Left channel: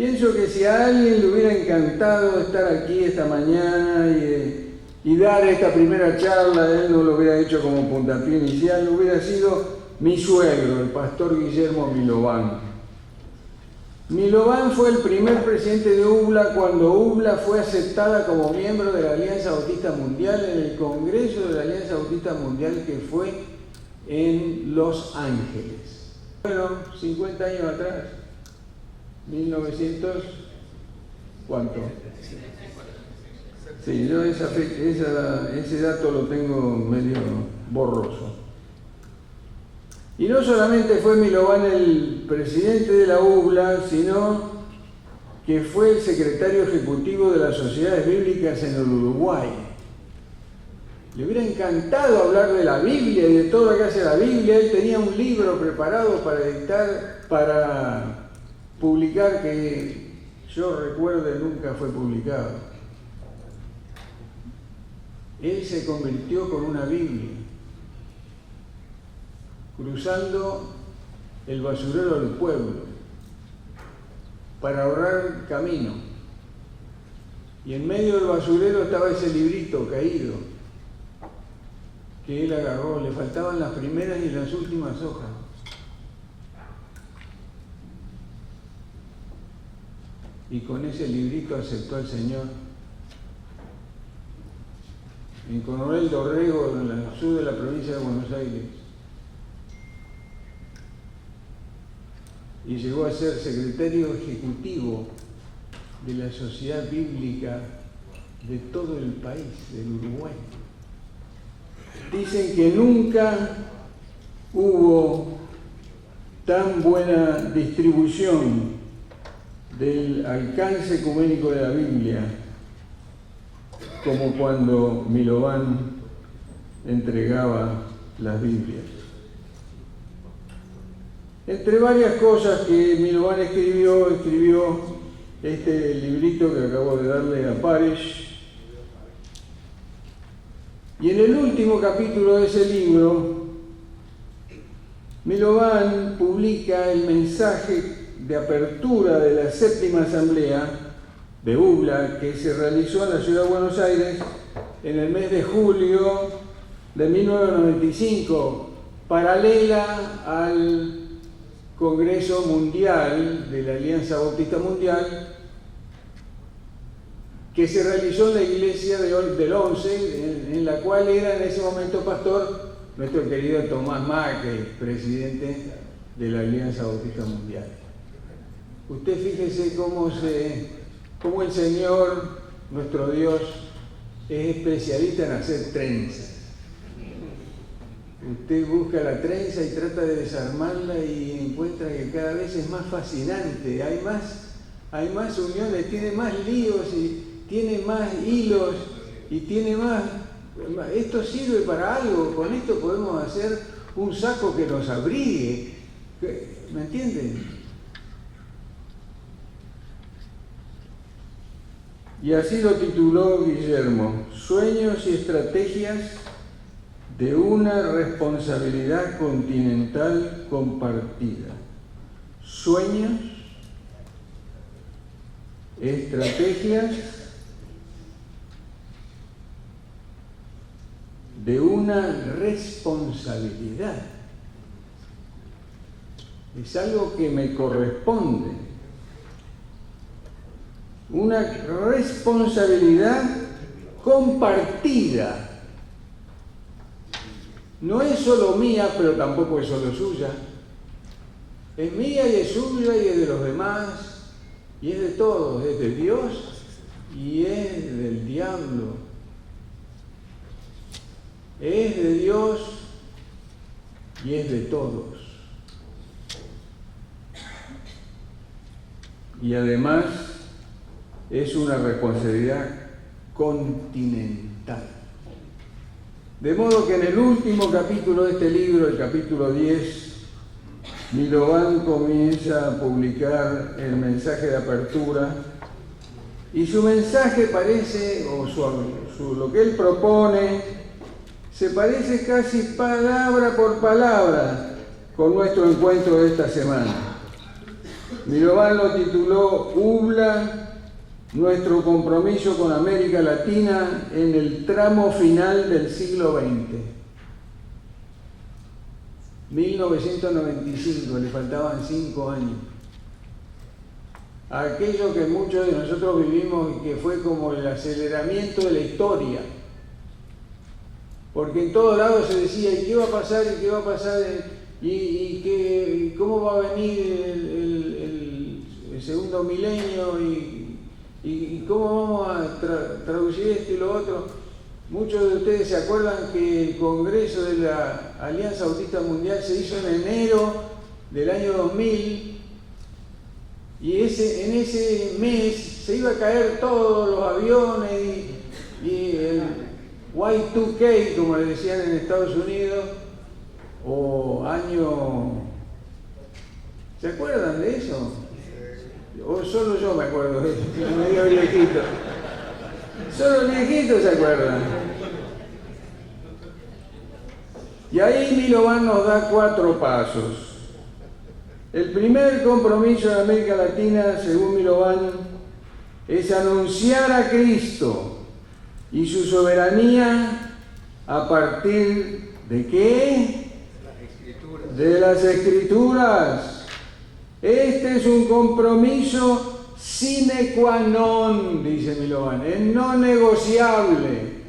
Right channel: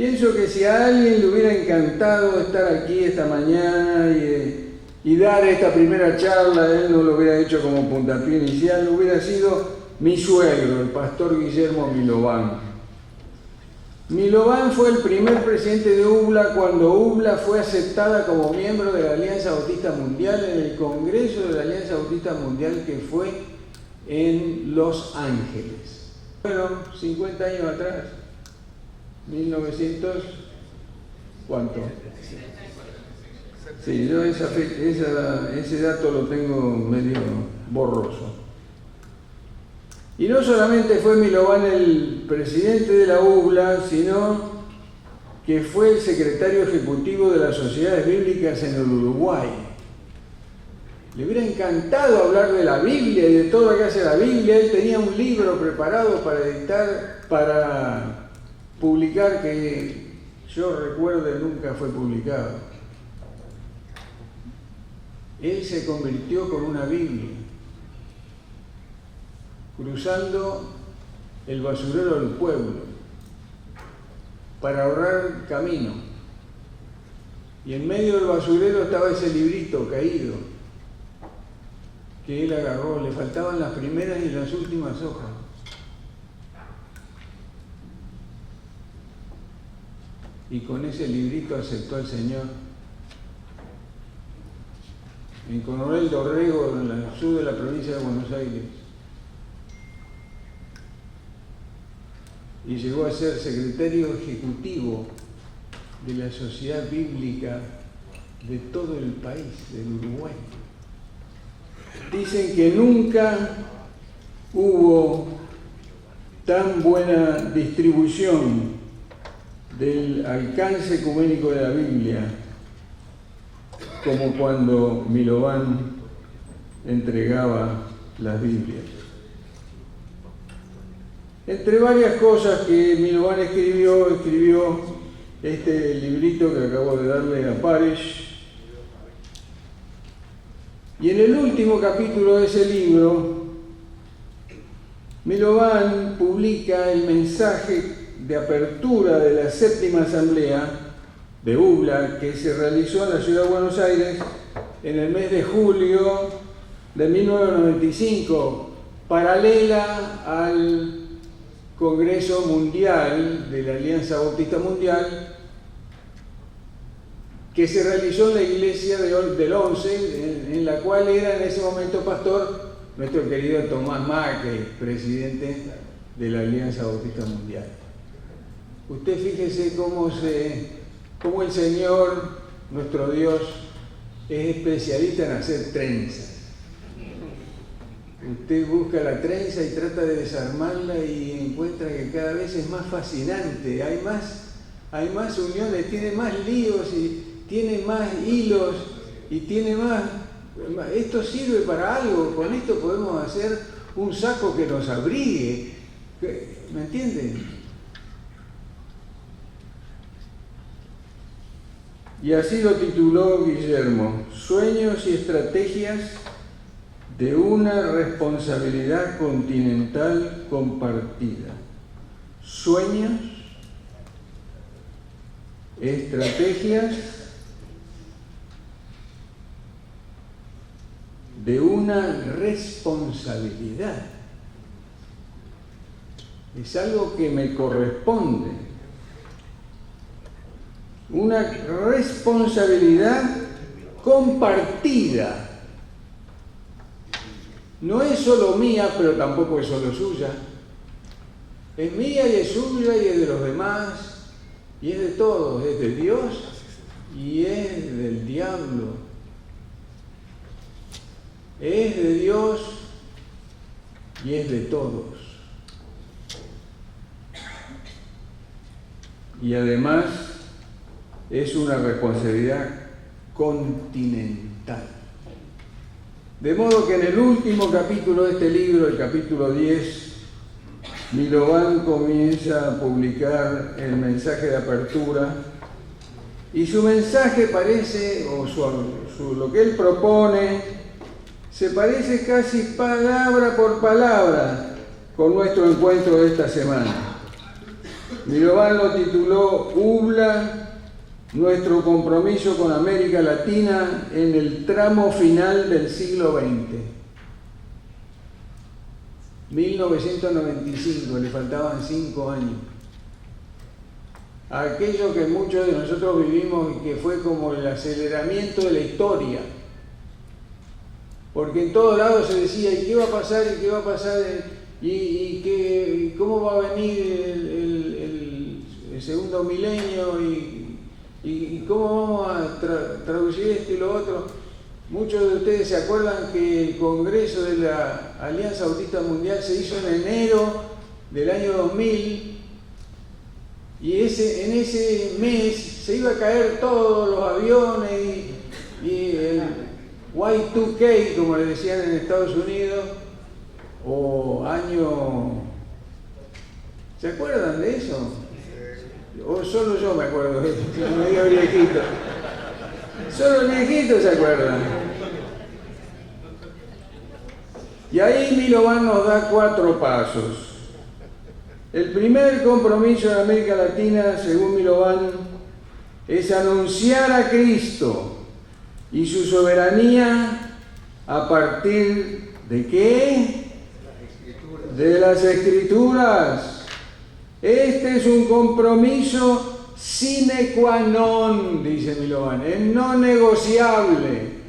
Pienso que si a alguien le hubiera encantado estar aquí esta mañana y dar esta primera charla, él no lo hubiera hecho como puntapié inicial, hubiera sido mi suegro, el pastor Guillermo Milován. Milován fue el primer presidente de UBLA cuando UBLA fue aceptada como miembro de la Alianza Bautista Mundial en el Congreso de la Alianza Bautista Mundial que fue en Los Ángeles. Bueno, 50 años atrás, 1900, ¿cuánto? Sí, yo ese dato lo tengo medio borroso. Y no solamente fue Milován el presidente de la UBLA, sino que fue el secretario ejecutivo de las Sociedades Bíblicas en el Uruguay. Le hubiera encantado hablar de la Biblia y de todo lo que hace la Biblia. Él tenía un libro preparado para editar, para publicar, que yo recuerde nunca fue publicado. Él se convirtió con una Biblia, cruzando el basurero del pueblo para ahorrar camino. Y en medio del basurero estaba ese librito caído que él agarró. Le faltaban las primeras y las últimas hojas. Y con ese librito aceptó al Señor. En Coronel Dorrego, en el sur de la provincia de Buenos Aires. Y llegó a ser secretario ejecutivo de la Sociedad Bíblica de todo el país, del Uruguay. Dicen que nunca hubo tan buena distribución del alcance ecuménico de la Biblia como cuando Milován entregaba las Biblias. Entre varias cosas que Milován escribió este librito que acabo de darle a Paresh. Y en el último capítulo de ese libro, Milován publica el mensaje de apertura de la séptima asamblea de UBLA que se realizó en la ciudad de Buenos Aires en el mes de julio de 1995, paralela al Congreso Mundial de la Alianza Bautista Mundial, que se realizó en la iglesia del 11, en la cual era en ese momento pastor nuestro querido Tomás Macri, presidente de la Alianza Bautista Mundial. Usted fíjese cómo el Señor, nuestro Dios, es especialista en hacer trenzas. Usted busca la trenza y trata de desarmarla y encuentra que cada vez es más fascinante, hay más uniones, tiene más líos y tiene más hilos y tiene más. Esto sirve para algo, con esto podemos hacer un saco que nos abrigue, ¿me entienden? Y así lo tituló Guillermo: Sueños y estrategias de una responsabilidad continental compartida. Sueños, estrategias de una responsabilidad. Es algo que me corresponde. Una responsabilidad compartida. No es solo mía, pero tampoco es solo suya. Es mía y es suya y es de los demás y es de todos. Es de Dios y es del diablo. Es de Dios y es de todos. Y además es una responsabilidad continental. De modo que en el último capítulo de este libro, el capítulo 10, Milován comienza a publicar el mensaje de apertura y su mensaje parece, lo que él propone, se parece casi palabra por palabra con nuestro encuentro de esta semana. Milovan lo tituló UBLA, nuestro compromiso con América Latina en el tramo final del siglo XX. 1995, le faltaban 5 años. Aquello que muchos de nosotros vivimos y que fue como el aceleramiento de la historia. Porque en todos lados se decía, ¿y qué va a pasar? ¿Y qué va a pasar? ¿Y cómo va a venir el segundo milenio? ¿Y cómo vamos a traducir esto y lo otro? Muchos de ustedes se acuerdan que el Congreso de la Alianza Autista Mundial se hizo en enero del año 2000 y en ese mes se iba a caer todos los aviones y el Y2K, como le decían en Estados Unidos, o año... ¿Se acuerdan de eso? O solo yo me acuerdo de eso, medio viejito. Solo los viejitos se acuerdan. Y ahí Milovan nos da 4 pasos. El primer compromiso en América Latina, según Milovan, es anunciar a Cristo y su soberanía a partir ¿de qué? De las Escrituras. Este es un compromiso sine qua non, dice Milovan, es no negociable.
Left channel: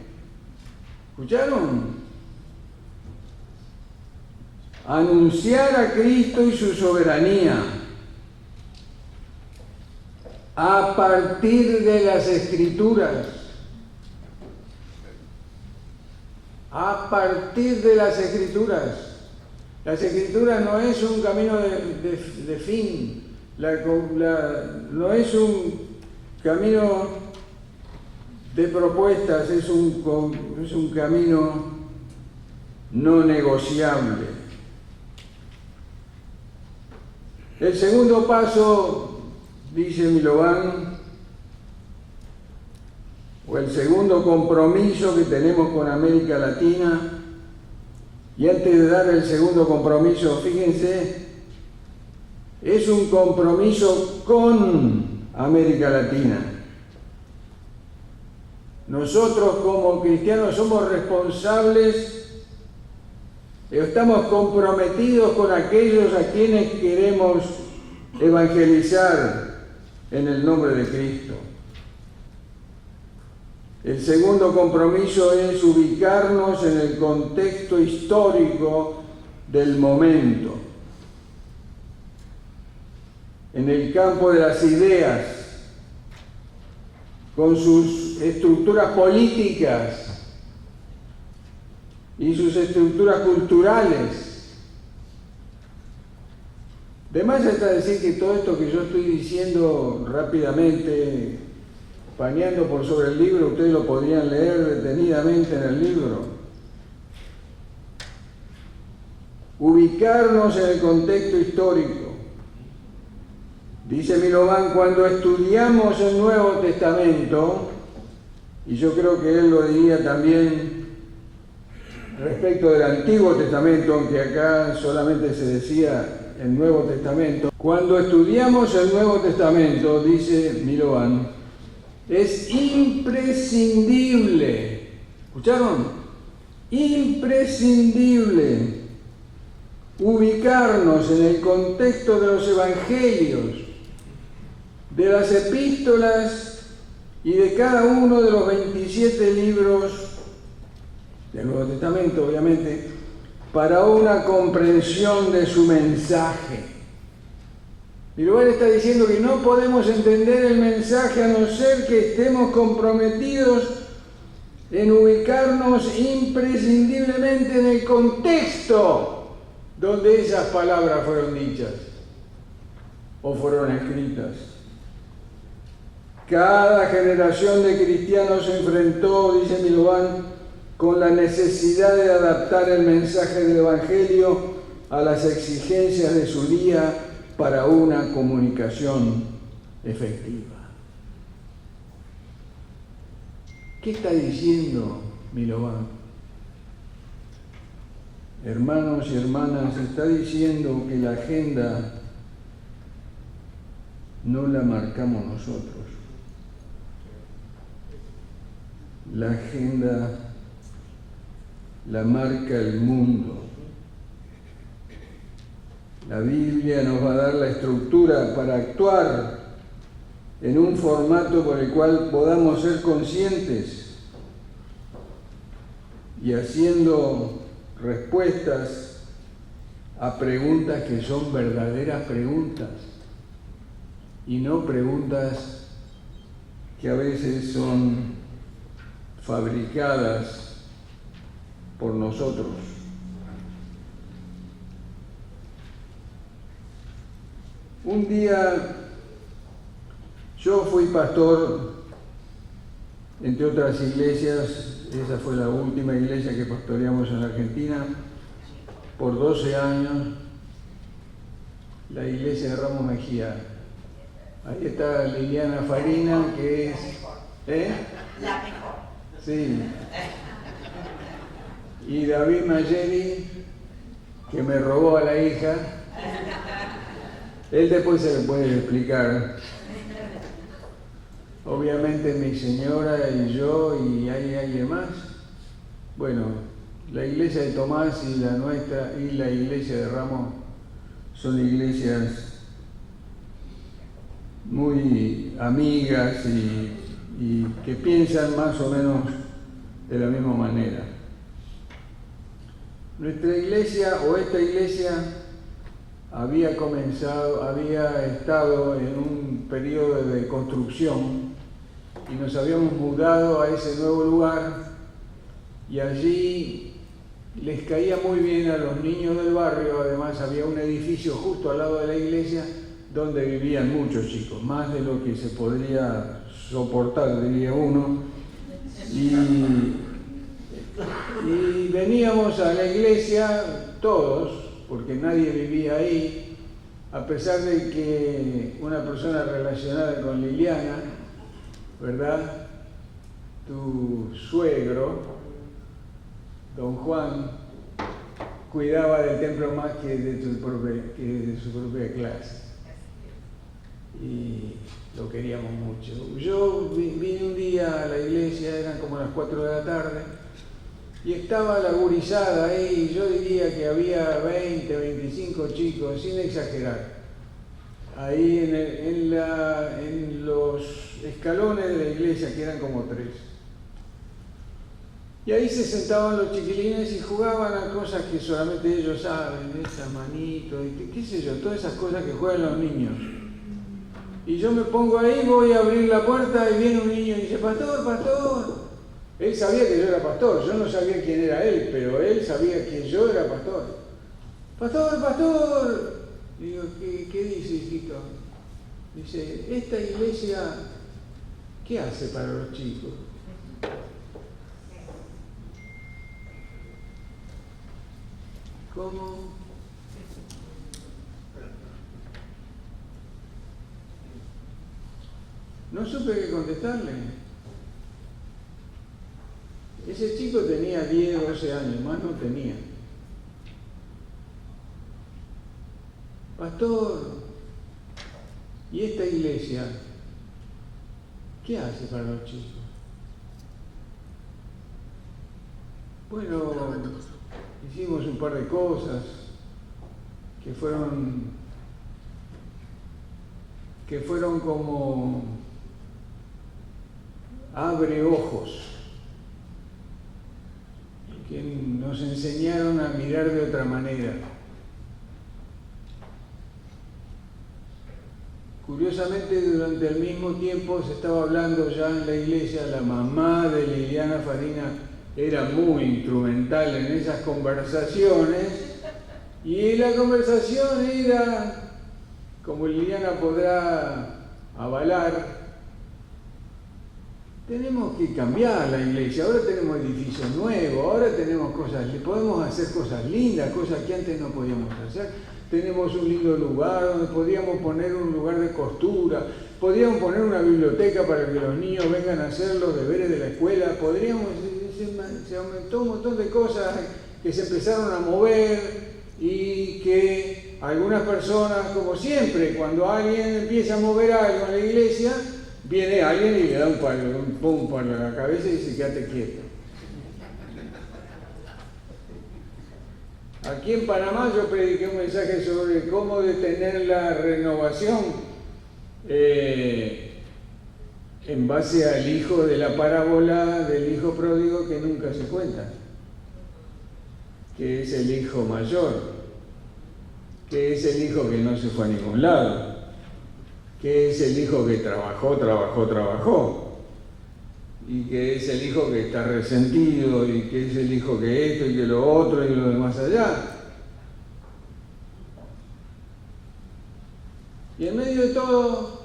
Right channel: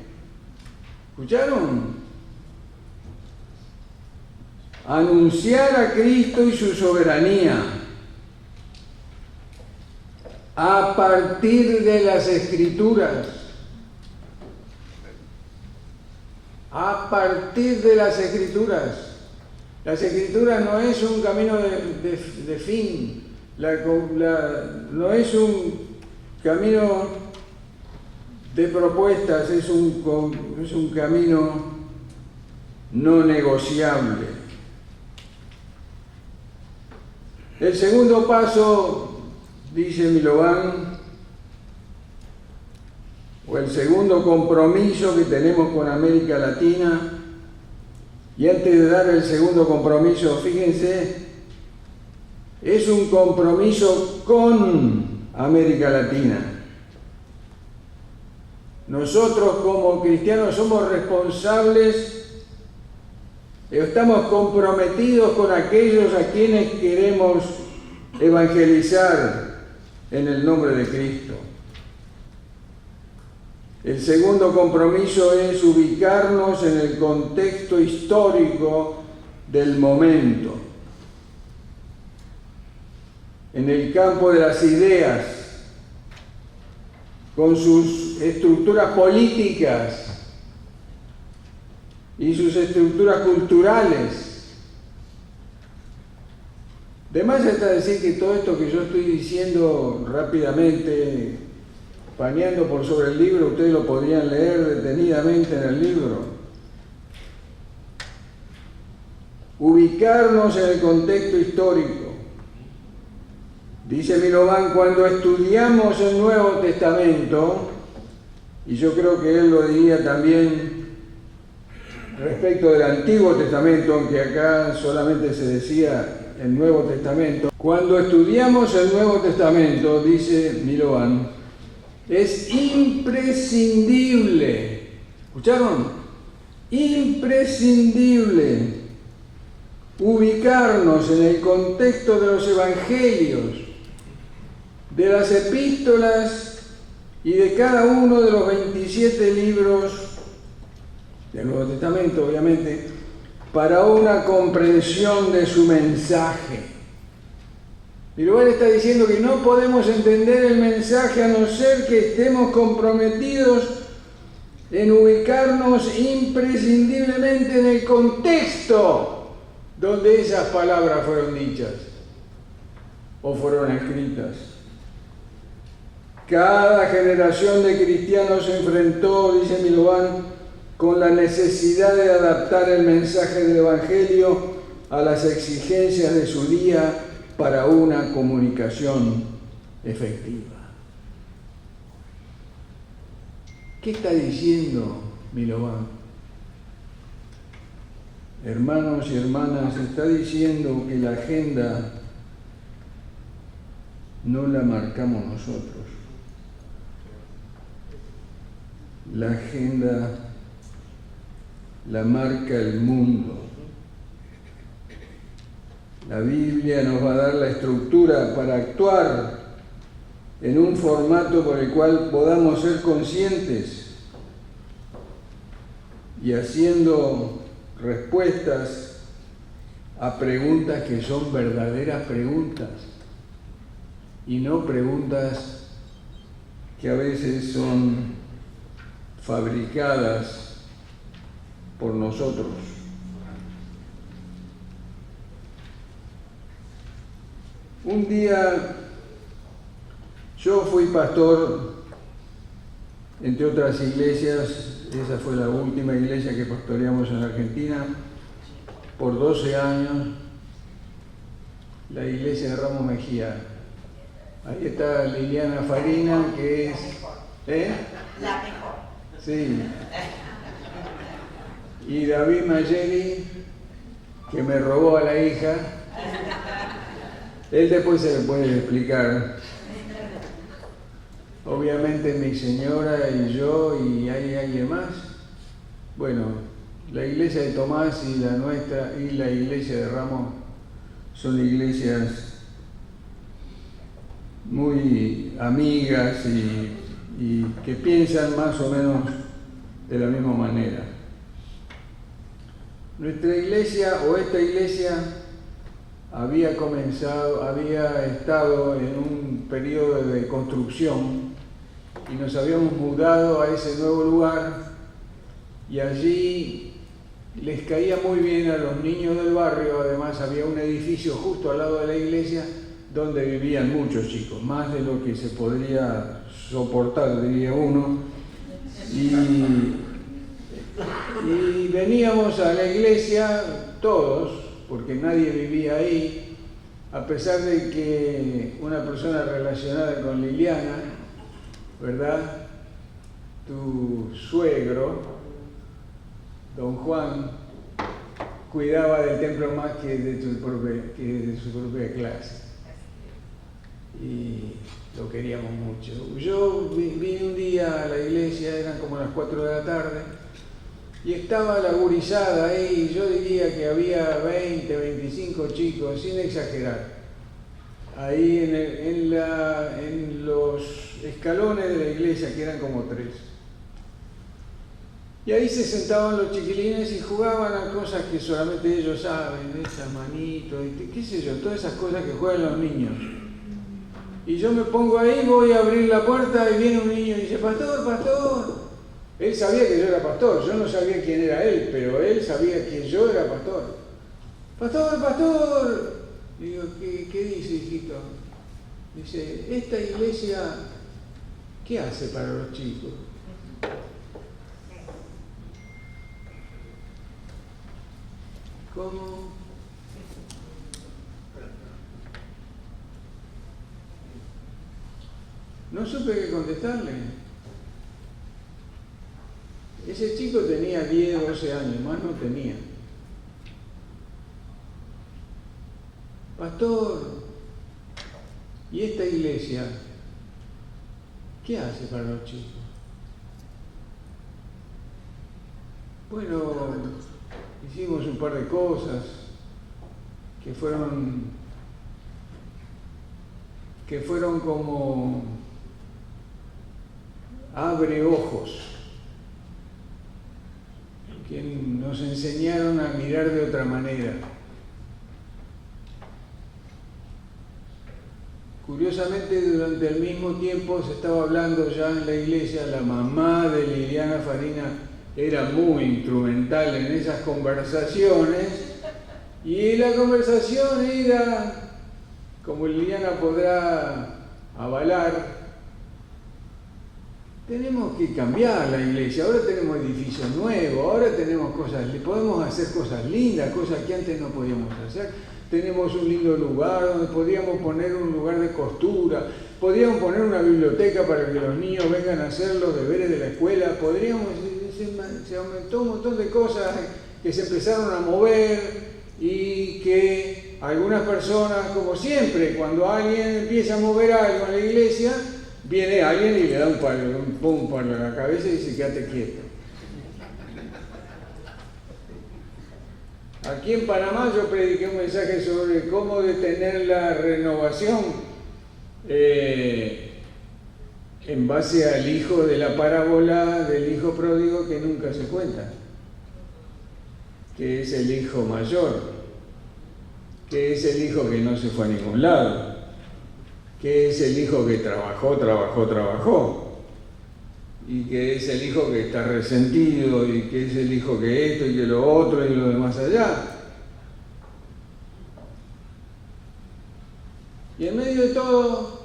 ¿Escucharon? Anunciar a Cristo y su soberanía a partir de las Escrituras. A partir de las Escrituras. Las Escrituras no es un camino de fin, no es un camino de propuestas, es un camino no negociable. El segundo paso, dice Milovan, o el segundo compromiso que tenemos con América Latina, y antes de dar el segundo compromiso, fíjense, es un compromiso con América Latina. Nosotros como cristianos somos responsables, estamos comprometidos con aquellos a quienes queremos evangelizar en el nombre de Cristo. El segundo compromiso es ubicarnos en el contexto histórico del momento, en el campo de las ideas, con sus estructuras políticas y sus estructuras culturales. De más está decir que todo esto que yo estoy diciendo rápidamente, paneando por sobre el libro, ustedes lo podrían leer detenidamente en el libro. Ubicarnos en el contexto histórico. Dice Milovan, cuando estudiamos el Nuevo Testamento, y yo creo que él lo diría también respecto del Antiguo Testamento, aunque acá solamente se decía el Nuevo Testamento. Cuando estudiamos el Nuevo Testamento, dice Milovan, es imprescindible, ¿escucharon? Imprescindible ubicarnos en el contexto de los evangelios, de las epístolas y de cada uno de los 27 libros del Nuevo Testamento, obviamente, para una comprensión de su mensaje. Milovan está diciendo que no podemos entender el mensaje a no ser que estemos comprometidos en ubicarnos imprescindiblemente en el contexto donde esas palabras fueron dichas o fueron escritas. Cada generación de cristianos se enfrentó, dice Milovan, con la necesidad de adaptar el mensaje del Evangelio a las exigencias de su día para una comunicación efectiva. ¿Qué está diciendo Milovan? Hermanos y hermanas, está diciendo que la agenda no la marcamos nosotros. La agenda la marca el mundo. La Biblia nos va a dar la estructura para actuar en un formato por el cual podamos ser conscientes y haciendo respuestas a preguntas que son verdaderas preguntas y no preguntas que a veces son fabricadas por nosotros. Un día yo fui pastor, entre otras iglesias, esa fue la última iglesia que pastoreamos en Argentina, por 12 años, la iglesia de Ramos Mejía. Ahí está Liliana Farina, que es... La mejor. Sí. Y David Mayeri, que me robó a la hija. Él después se le puede explicar. Obviamente mi señora y yo, y hay alguien más. Bueno, la iglesia de Tomás y la nuestra y la iglesia de Ramos son iglesias muy amigas y que piensan más o menos de la misma manera. Nuestra iglesia o esta iglesia había estado en un periodo de construcción y nos habíamos mudado a ese nuevo lugar y allí les caía muy bien a los niños del barrio. Además había un edificio justo al lado de la iglesia donde vivían muchos chicos, más de lo que se podría soportar, diría uno, y veníamos a la iglesia todos, porque nadie vivía ahí, a pesar de que una persona relacionada con Liliana, ¿verdad?, tu suegro, don Juan, cuidaba del templo más que de su propia clase. Y lo queríamos mucho. Yo vine un día a la iglesia, eran como las 4 de la tarde, y estaba la gurizada ahí, y yo diría que había 20, 25 chicos, sin exagerar, ahí en los escalones de la iglesia, que eran como 3. Y ahí se sentaban los chiquilines y jugaban a cosas que solamente ellos saben, esas manitos, qué sé yo, todas esas cosas que juegan los niños. Y yo me pongo ahí, voy a abrir la puerta y viene un niño y dice: pastor, pastor. Él sabía que yo era pastor, yo no sabía quién era él, pero él sabía que yo era pastor. Pastor, pastor. Digo: ¿Qué dice, hijito? Dice: esta iglesia, ¿qué hace para los chicos? ¿Cómo? No supe qué contestarle. Ese chico tenía 10, 12 años, más no tenía. Pastor, ¿y esta iglesia qué hace para los chicos? Bueno, hicimos un par de cosas que fueron como abre ojos, que nos enseñaron a mirar de otra manera. Curiosamente, durante el mismo tiempo se estaba hablando ya en la iglesia, la mamá de Liliana Farina era muy instrumental en esas conversaciones, y la conversación era, como Liliana podrá avalar, tenemos que cambiar la iglesia, ahora tenemos edificios nuevos, ahora tenemos podemos hacer cosas lindas, cosas que antes no podíamos hacer. Tenemos un lindo lugar donde podíamos poner un lugar de costura, podríamos poner una biblioteca para que los niños vengan a hacer los deberes de la escuela, se aumentó un montón de cosas que se empezaron a mover y que algunas personas, como siempre, cuando alguien empieza a mover algo en la iglesia, viene alguien y le da un pum en la cabeza y dice, quédate quieto. Aquí en Panamá yo prediqué un mensaje sobre cómo detener la renovación en base al hijo de la parábola del hijo pródigo que nunca se cuenta, que es el hijo mayor, que es el hijo que no se fue a ningún lado, que es el hijo que trabajó, y que es el hijo que está resentido, y que es el hijo que esto y que lo otro y lo demás allá. Y en medio de todo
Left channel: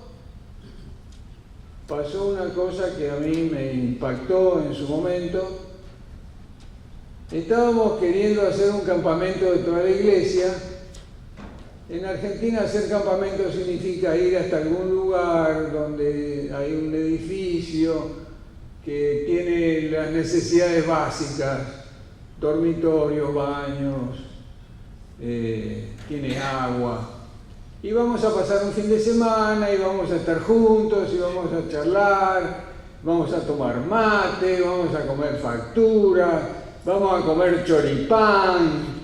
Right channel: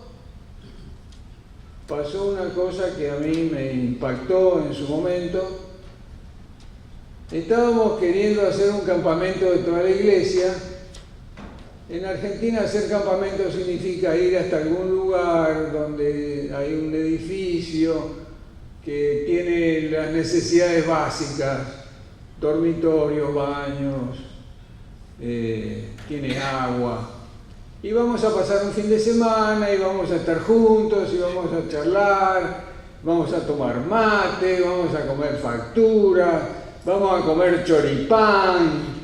pasó una cosa que a mí me impactó en su momento. Estábamos queriendo hacer un campamento de toda la iglesia. En Argentina hacer campamento significa ir hasta algún lugar donde hay un edificio que tiene las necesidades básicas, dormitorios, baños, tiene agua. Y vamos a pasar un fin de semana y vamos a estar juntos y vamos a charlar, vamos a tomar mate, vamos a comer facturas, vamos a comer choripán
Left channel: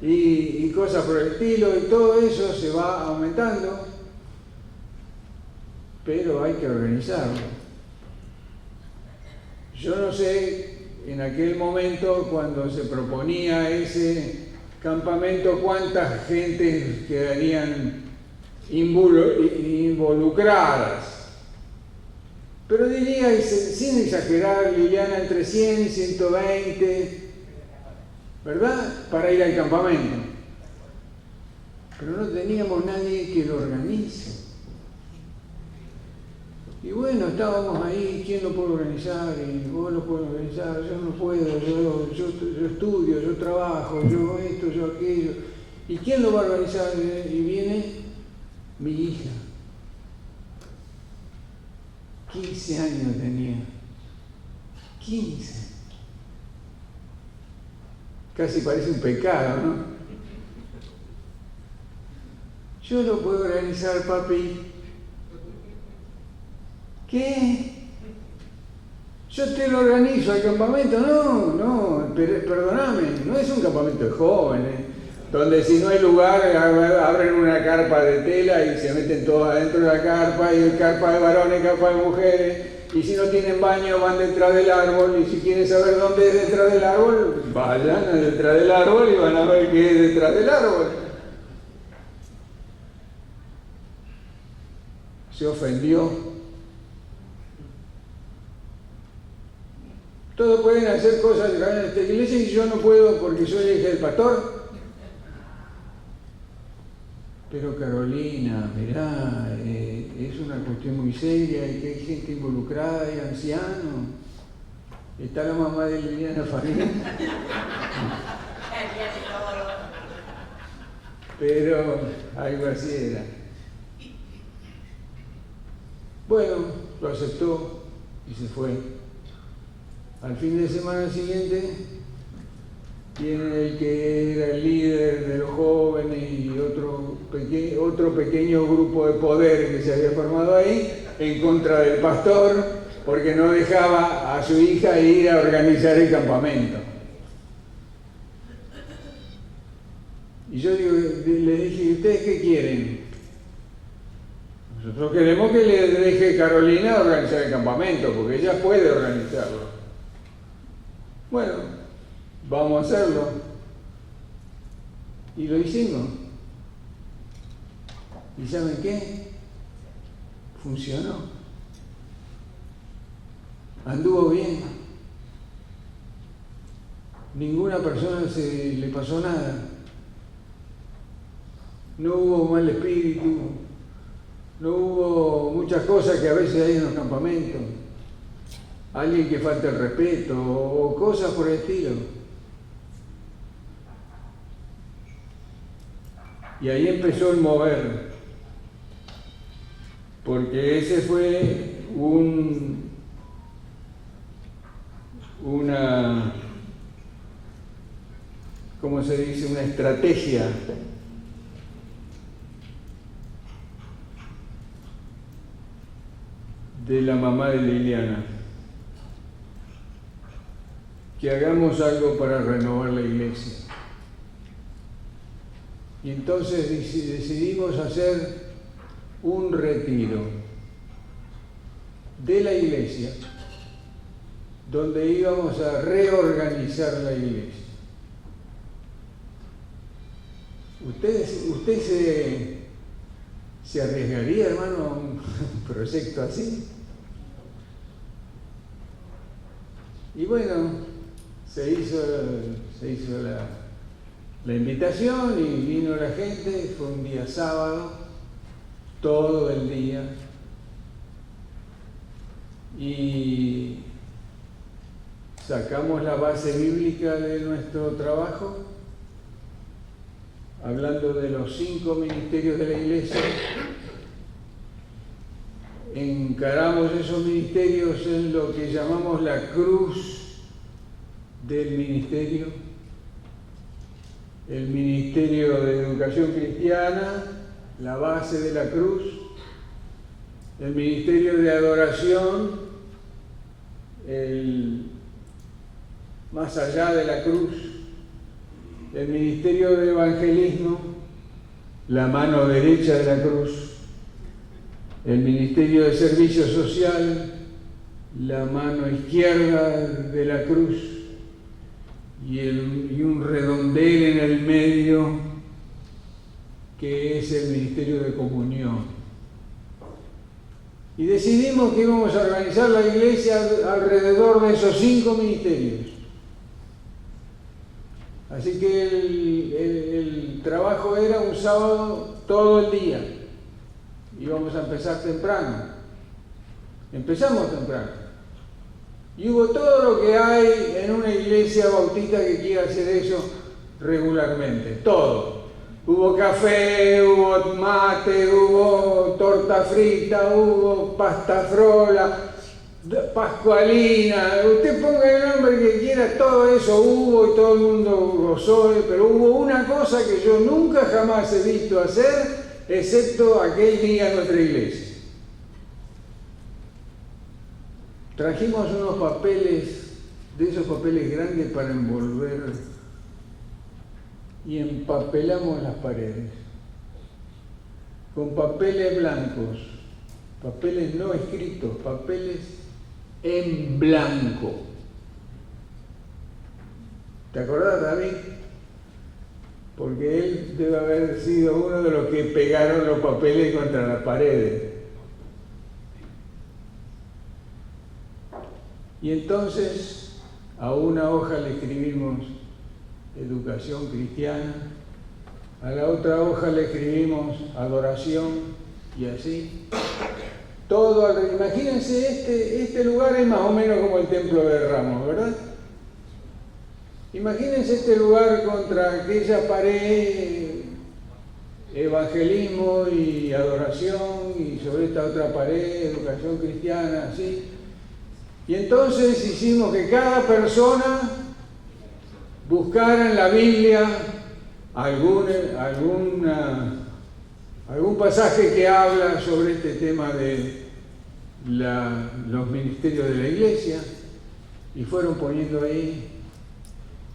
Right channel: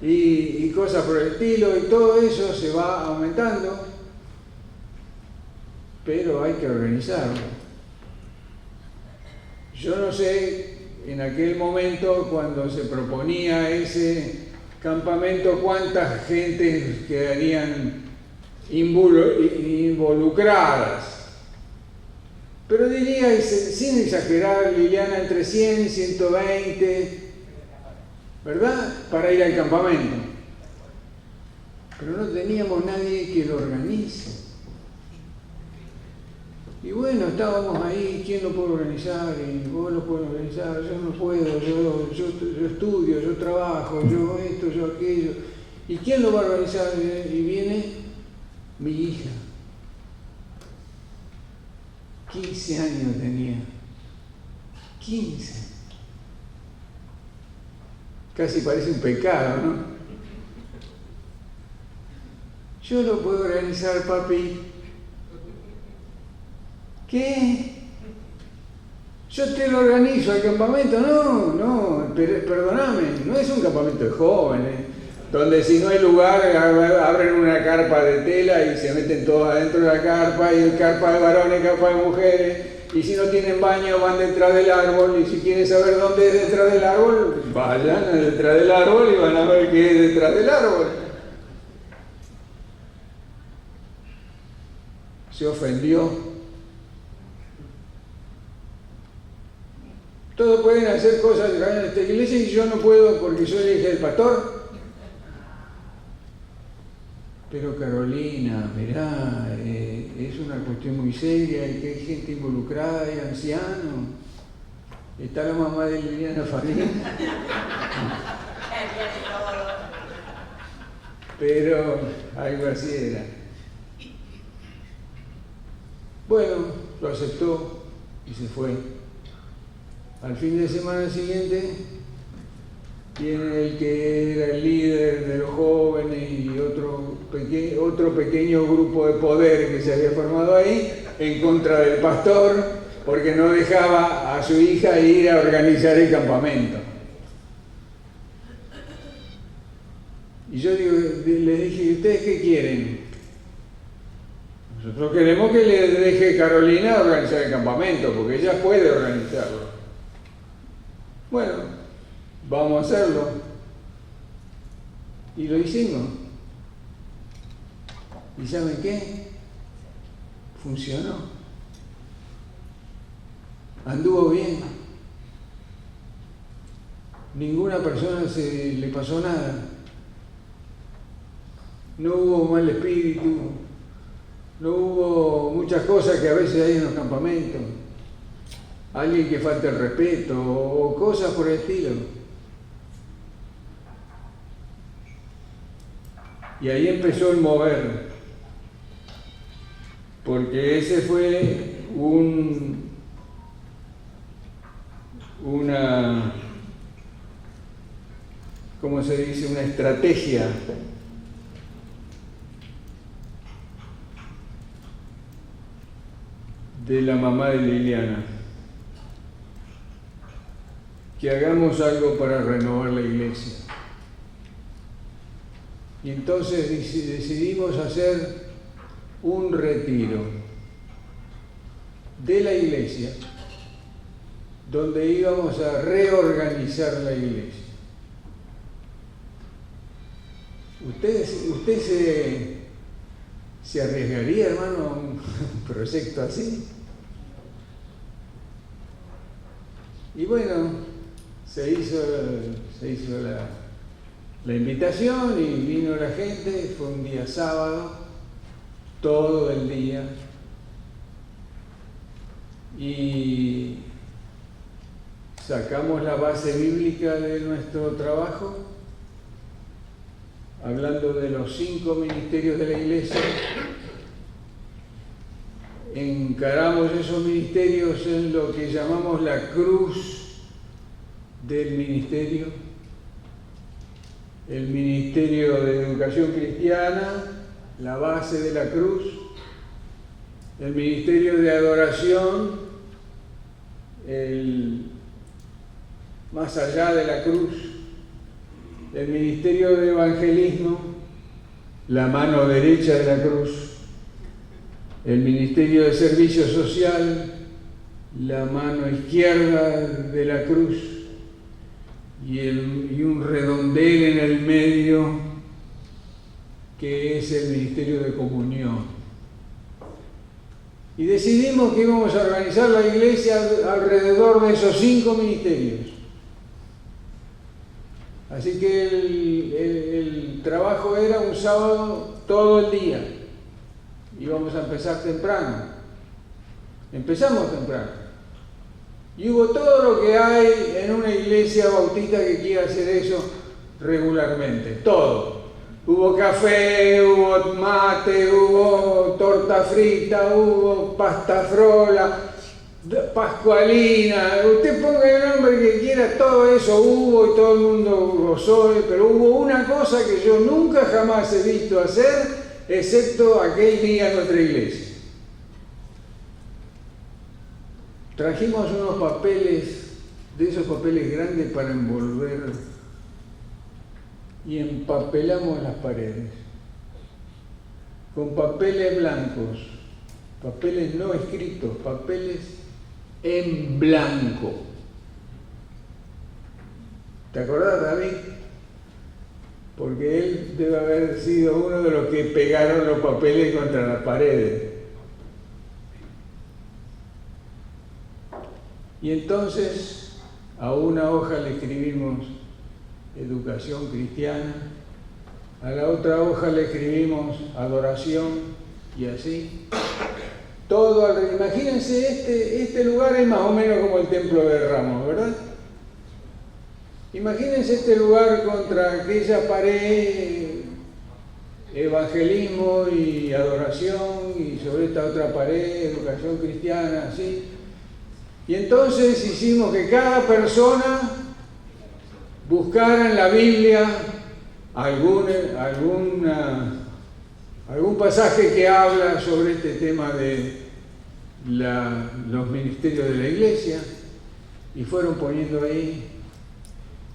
y cosas por el estilo, y todo eso se va aumentando, pero hay que organizarlo. Yo no sé, en aquel momento, cuando se proponía ese campamento, cuántas gentes quedarían involucradas. Pero diría, sin exagerar, Liliana, entre 100 y 120, ¿verdad?, para ir al campamento. Pero no teníamos nadie que lo organice. Y bueno, estábamos ahí, ¿quién lo puede organizar? Y vos lo puedes organizar, yo no puedo, yo estudio, yo trabajo, yo esto, yo aquello. ¿Y quién lo va a organizar? Y viene mi hija. 15 años tenía. 15. Casi parece un pecado, ¿no? Yo lo puedo organizar, papi. ¿Qué? Yo te lo organizo al campamento. No, perdóname, no es un campamento de jóvenes, donde si no hay lugar abren una carpa de tela y se meten todos adentro de la carpa, y el carpa de varones, carpa de mujeres, y si no tienen baño van detrás del árbol, y si quieren saber dónde es detrás del árbol, vayan detrás del árbol y van a ver qué es detrás del árbol. Se ofendió. Todos pueden hacer cosas en esta iglesia y yo no puedo porque soy el hija del pastor. Pero Carolina, mirá, es una cuestión muy seria y que hay gente involucrada, hay ancianos. Está la mamá de Liliana Farín. Pero algo así era. Bueno, lo aceptó y se fue. Al fin de semana siguiente viene el que era el líder de los jóvenes y otro pequeño grupo de poder que se había formado ahí en contra del pastor, porque no dejaba a su hija ir a organizar el campamento. Y yo les dije, ¿y ustedes qué quieren? Nosotros queremos que le deje Carolina organizar el campamento, porque ella puede organizarlo. Bueno, vamos a hacerlo. Y lo hicimos. ¿Y saben qué? Funcionó. Anduvo bien. Ninguna persona le pasó nada. No hubo mal espíritu. No hubo muchas cosas que a veces hay en los campamentos. Alguien que falta el respeto o cosas por el estilo. Y ahí empezó el mover, porque ese fue una, ¿cómo se dice?, una estrategia de la mamá de Liliana, que hagamos algo para renovar la iglesia. Y entonces decidimos hacer un retiro de la iglesia, donde íbamos a reorganizar la iglesia. ¿Usted se arriesgaría, hermano, a un proyecto así? Y bueno, se hizo la invitación y vino la gente. Fue un día sábado, todo el día, y sacamos la base bíblica de nuestro trabajo, hablando de los 5 ministerios de la iglesia. Encaramos esos ministerios en lo que llamamos la cruz del ministerio: el ministerio de educación cristiana, la base de la cruz; el ministerio de adoración, más allá de la cruz; el ministerio de evangelismo, la mano derecha de la cruz; el ministerio de servicio social, la mano izquierda de la cruz; y un redondel en el medio, que es el ministerio de comunión. Y decidimos que íbamos a organizar la iglesia alrededor de esos 5 ministerios. Así que el trabajo era un sábado todo el día. Íbamos a empezar temprano. Empezamos temprano. Y hubo todo lo que hay en una iglesia bautista que quiera hacer eso regularmente. Todo. Hubo café, hubo mate, hubo torta frita, hubo pasta frola, pascualina. Usted ponga el nombre que quiera, todo eso hubo y todo el mundo gozó. Pero hubo una cosa que yo nunca jamás he visto hacer, excepto aquel día en nuestra iglesia. Trajimos unos papeles, de esos papeles grandes para envolver, y empapelamos las paredes con papeles blancos, papeles no escritos, papeles en blanco. ¿Te acordás, David? Porque él debe haber sido uno de los que pegaron los papeles contra las paredes. Y entonces a una hoja le escribimos educación cristiana, a la otra hoja le escribimos adoración, y así. Todo alrededor. Imagínense, este lugar es más o menos como el templo de Ramos, ¿verdad? Imagínense este lugar contra aquella pared, evangelismo y adoración, y sobre esta otra pared, educación cristiana, así. Y entonces hicimos que cada persona buscara en la Biblia algún pasaje que habla sobre este tema de los ministerios de la iglesia, y fueron poniendo ahí.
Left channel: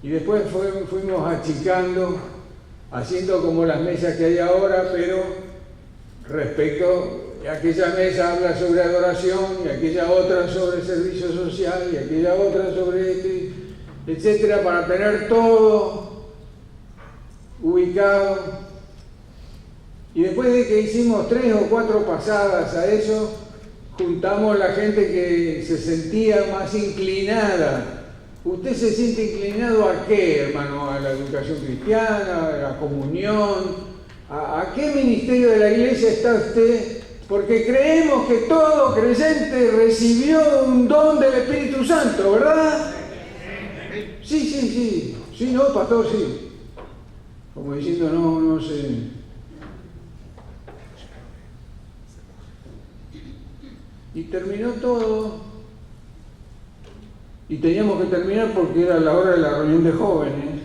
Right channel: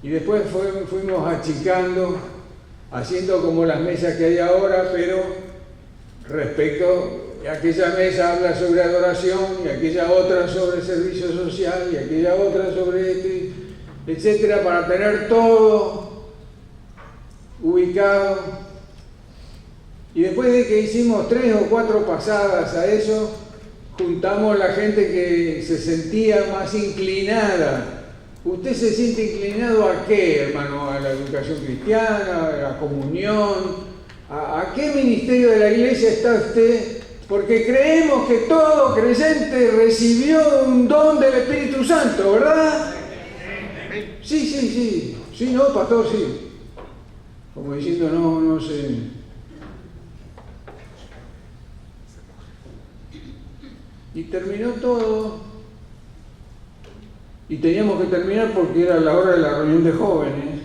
Y después fuimos achicando, haciendo como las mesas que hay ahora, pero respecto a aquella mesa habla sobre adoración, y aquella otra sobre servicio social, y aquella otra sobre esto, etcétera, para tener todo ubicado. Y después de que hicimos 3 o 4 pasadas a eso, juntamos la gente que se sentía más inclinada. ¿Usted se siente inclinado a qué, hermano? ¿A la educación cristiana? ¿A la comunión? ¿A qué ministerio de la iglesia está usted? Porque creemos que todo creyente recibió un don del Espíritu Santo, ¿verdad? Sí. Sí, no, pastor, sí. Como diciendo, no sé. Y terminó todo. Y teníamos que terminar porque era la hora de la reunión de jóvenes.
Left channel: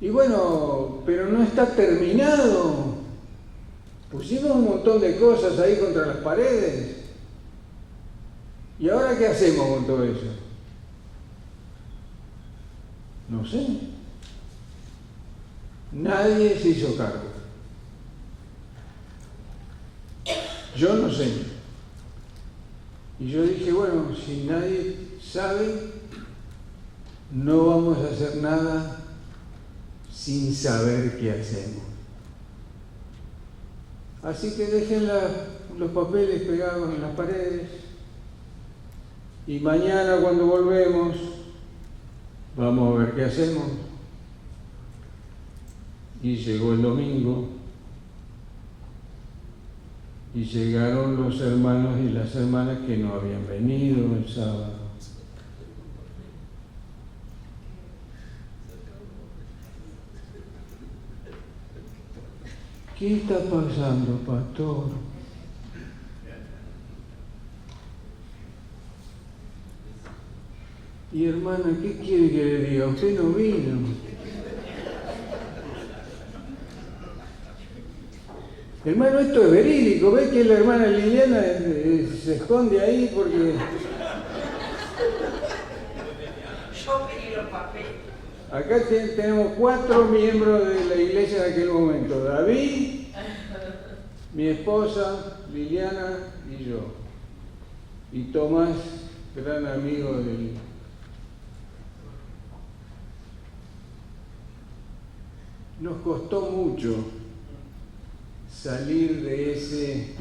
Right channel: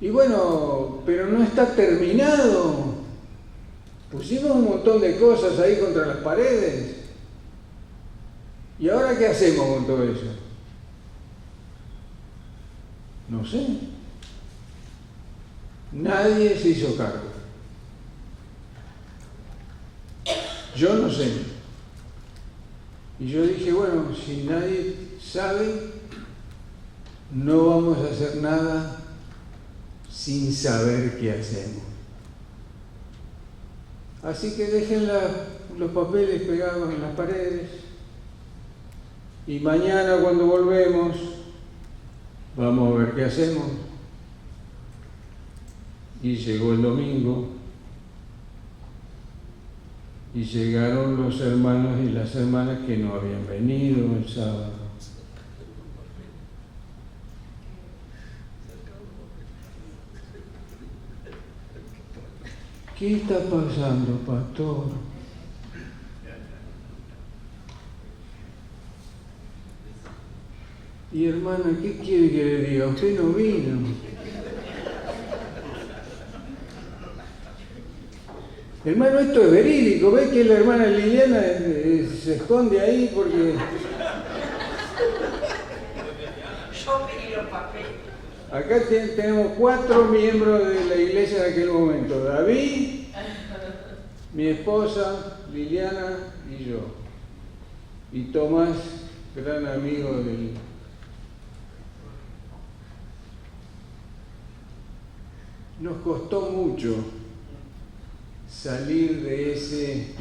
Y bueno, pero no está terminado. Pusimos un montón de cosas ahí contra las paredes. ¿Y ahora qué hacemos con todo eso? No sé. Nadie se hizo cargo. Yo no sé. Y yo dije, bueno, si nadie sabe, no vamos a hacer nada sin saber qué hacemos. Así que dejen los papeles pegados en las paredes y mañana cuando volvemos vamos a ver qué hacemos. Y llegó el domingo y llegaron los hermanos y las hermanas que no habían venido el sábado. ¿Qué está pasando, pastor? Y hermana, ¿qué quiere que le diga? Usted no vino. Hermano, esto es verídico. ¿Ves que la hermana Liliana se esconde ahí porque... Yo pedí los papeles. Acá tenemos 4 miembros de la iglesia en aquel momento. David, mi esposa, Liliana y yo. Y Tomás, gran amigo del... Nos costó mucho salir de ese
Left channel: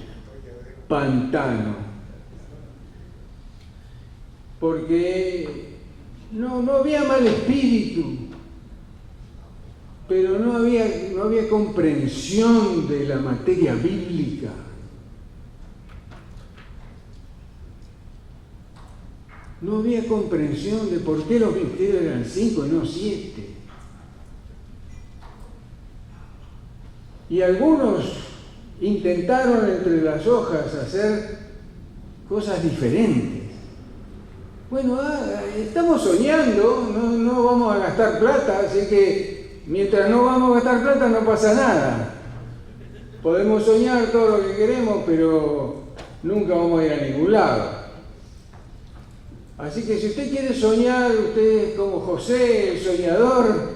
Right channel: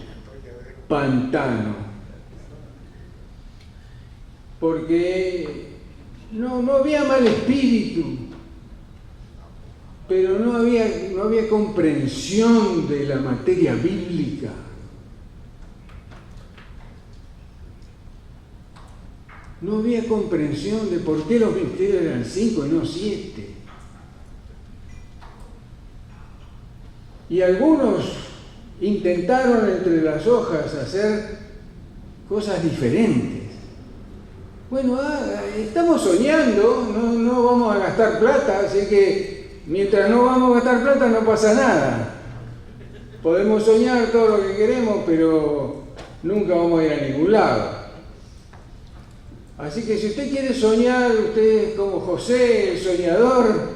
pantano, porque no había mal espíritu, pero no había comprensión de la materia bíblica. No había comprensión de por qué los ministerios eran 5 y no 7. Y algunos intentaron entre las hojas hacer cosas diferentes. Bueno, estamos soñando, no vamos a gastar plata, así que mientras no vamos a gastar plata no pasa nada. Podemos soñar todo lo que queremos, pero nunca vamos a ir a ningún lado. Así que si usted quiere soñar, usted es como José, el soñador,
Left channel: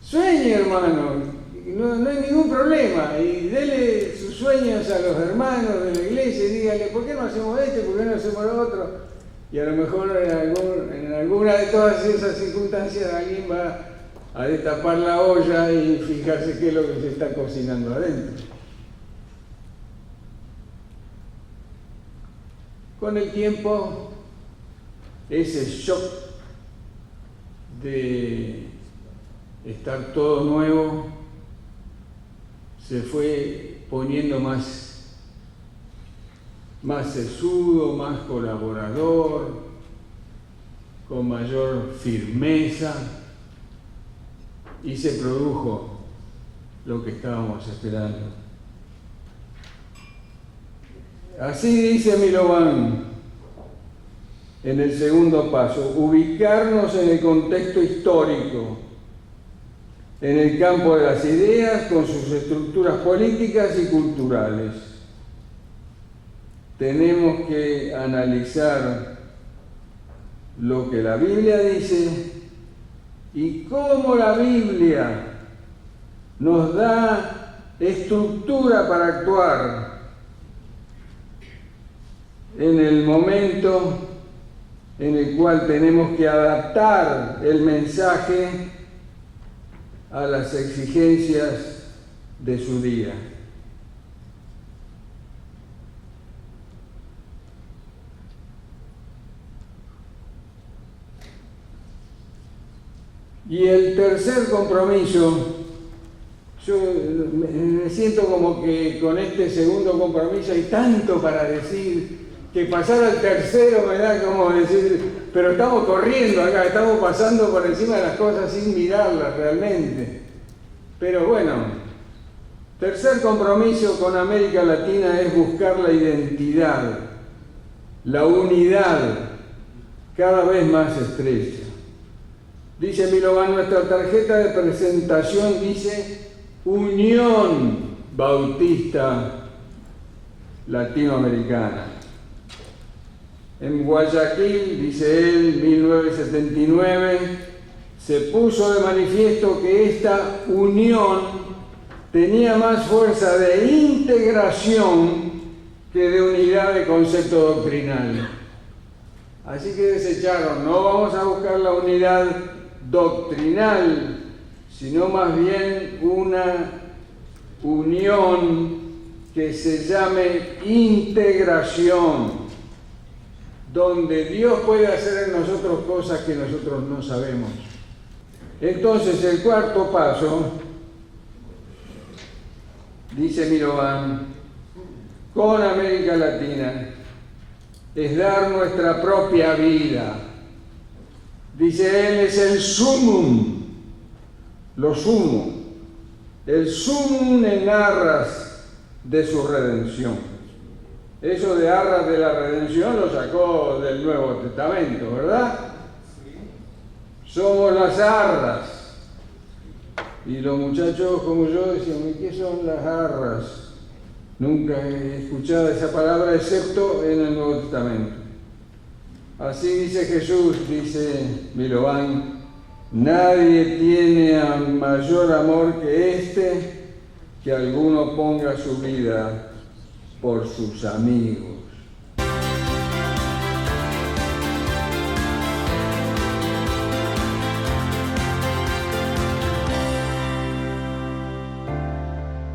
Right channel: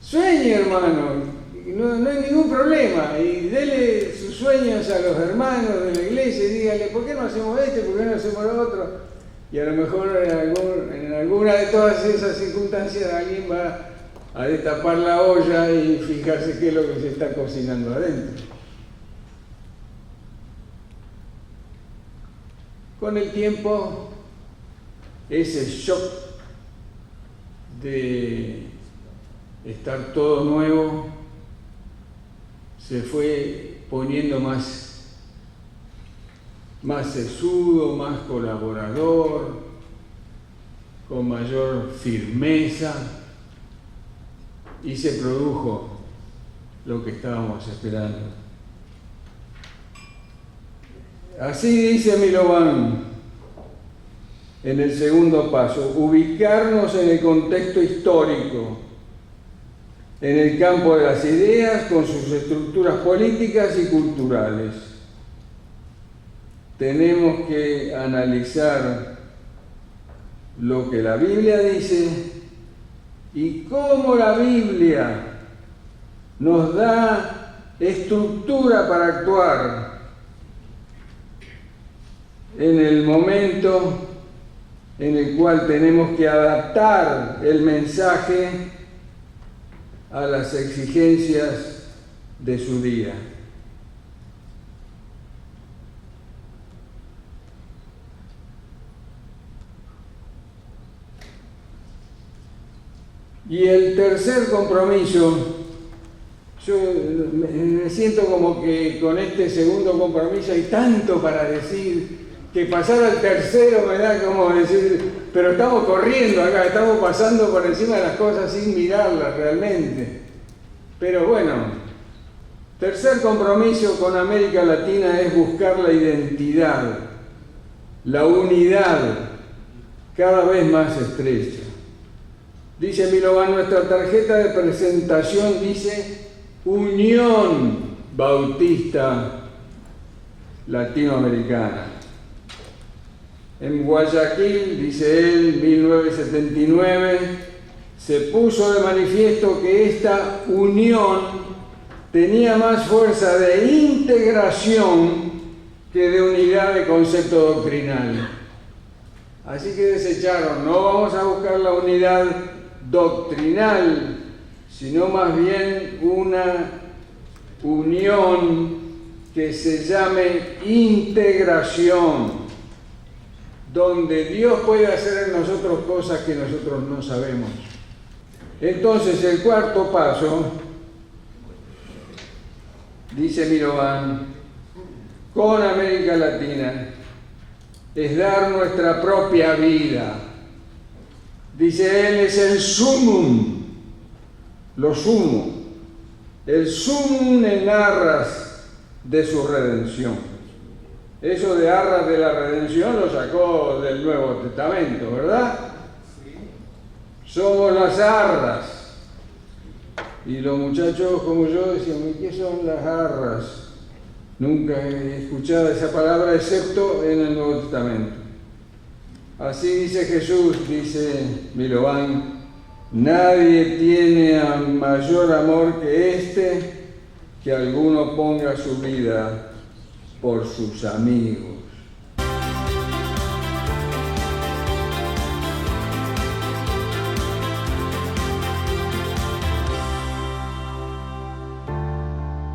sueñe, hermano. No hay ningún problema, y dele sus sueños a los hermanos de la iglesia y dígale, ¿por qué no hacemos esto? ¿Por qué no hacemos lo otro? Y a lo mejor en alguna de todas esas circunstancias alguien va a destapar la olla y fijarse qué es lo que se está cocinando adentro. Con el tiempo, ese shock de estar todo nuevo se fue poniendo más sesudo, más colaborador, con mayor firmeza, y se produjo lo que estábamos esperando. Así dice Milovan en el segundo paso: ubicarnos en el contexto histórico, en el campo de las ideas, con sus estructuras políticas y culturales. Tenemos que analizar lo que la Biblia dice y cómo la Biblia nos da estructura para actuar en el momento en el cual tenemos que adaptar el mensaje a las exigencias de su día. Y el tercer compromiso, yo me siento como que con este segundo compromiso hay tanto para decir, que pasar al tercero me da como decir, pero estamos corriendo acá, estamos pasando por encima de las cosas sin mirarlas realmente. Pero bueno, tercer compromiso con América Latina es buscar la identidad, la unidad cada vez más estrecha. Dice Milovan, nuestra tarjeta de presentación dice unión bautista latinoamericana. En Guayaquil, dice él, 1979, se puso de manifiesto que esta unión tenía más fuerza de integración que de unidad de concepto doctrinal. Así que desecharon, no vamos a buscar la unidad doctrinal, sino más bien una unión que se llame integración, donde Dios puede hacer en nosotros cosas que nosotros no sabemos. Entonces, el cuarto paso, dice Milovan, con América Latina, es dar nuestra propia vida. Dice él, es el sumum, lo sumo, el sumum en arras de su redención. Eso de arras de la redención lo sacó del Nuevo Testamento, ¿verdad? Somos las arras. Y los muchachos como yo decían, ¿y qué son las arras? Nunca he escuchado esa palabra excepto en el Nuevo Testamento. Así dice Jesús, dice Milovan, nadie tiene mayor amor que este, que alguno ponga su vida por sus amigos.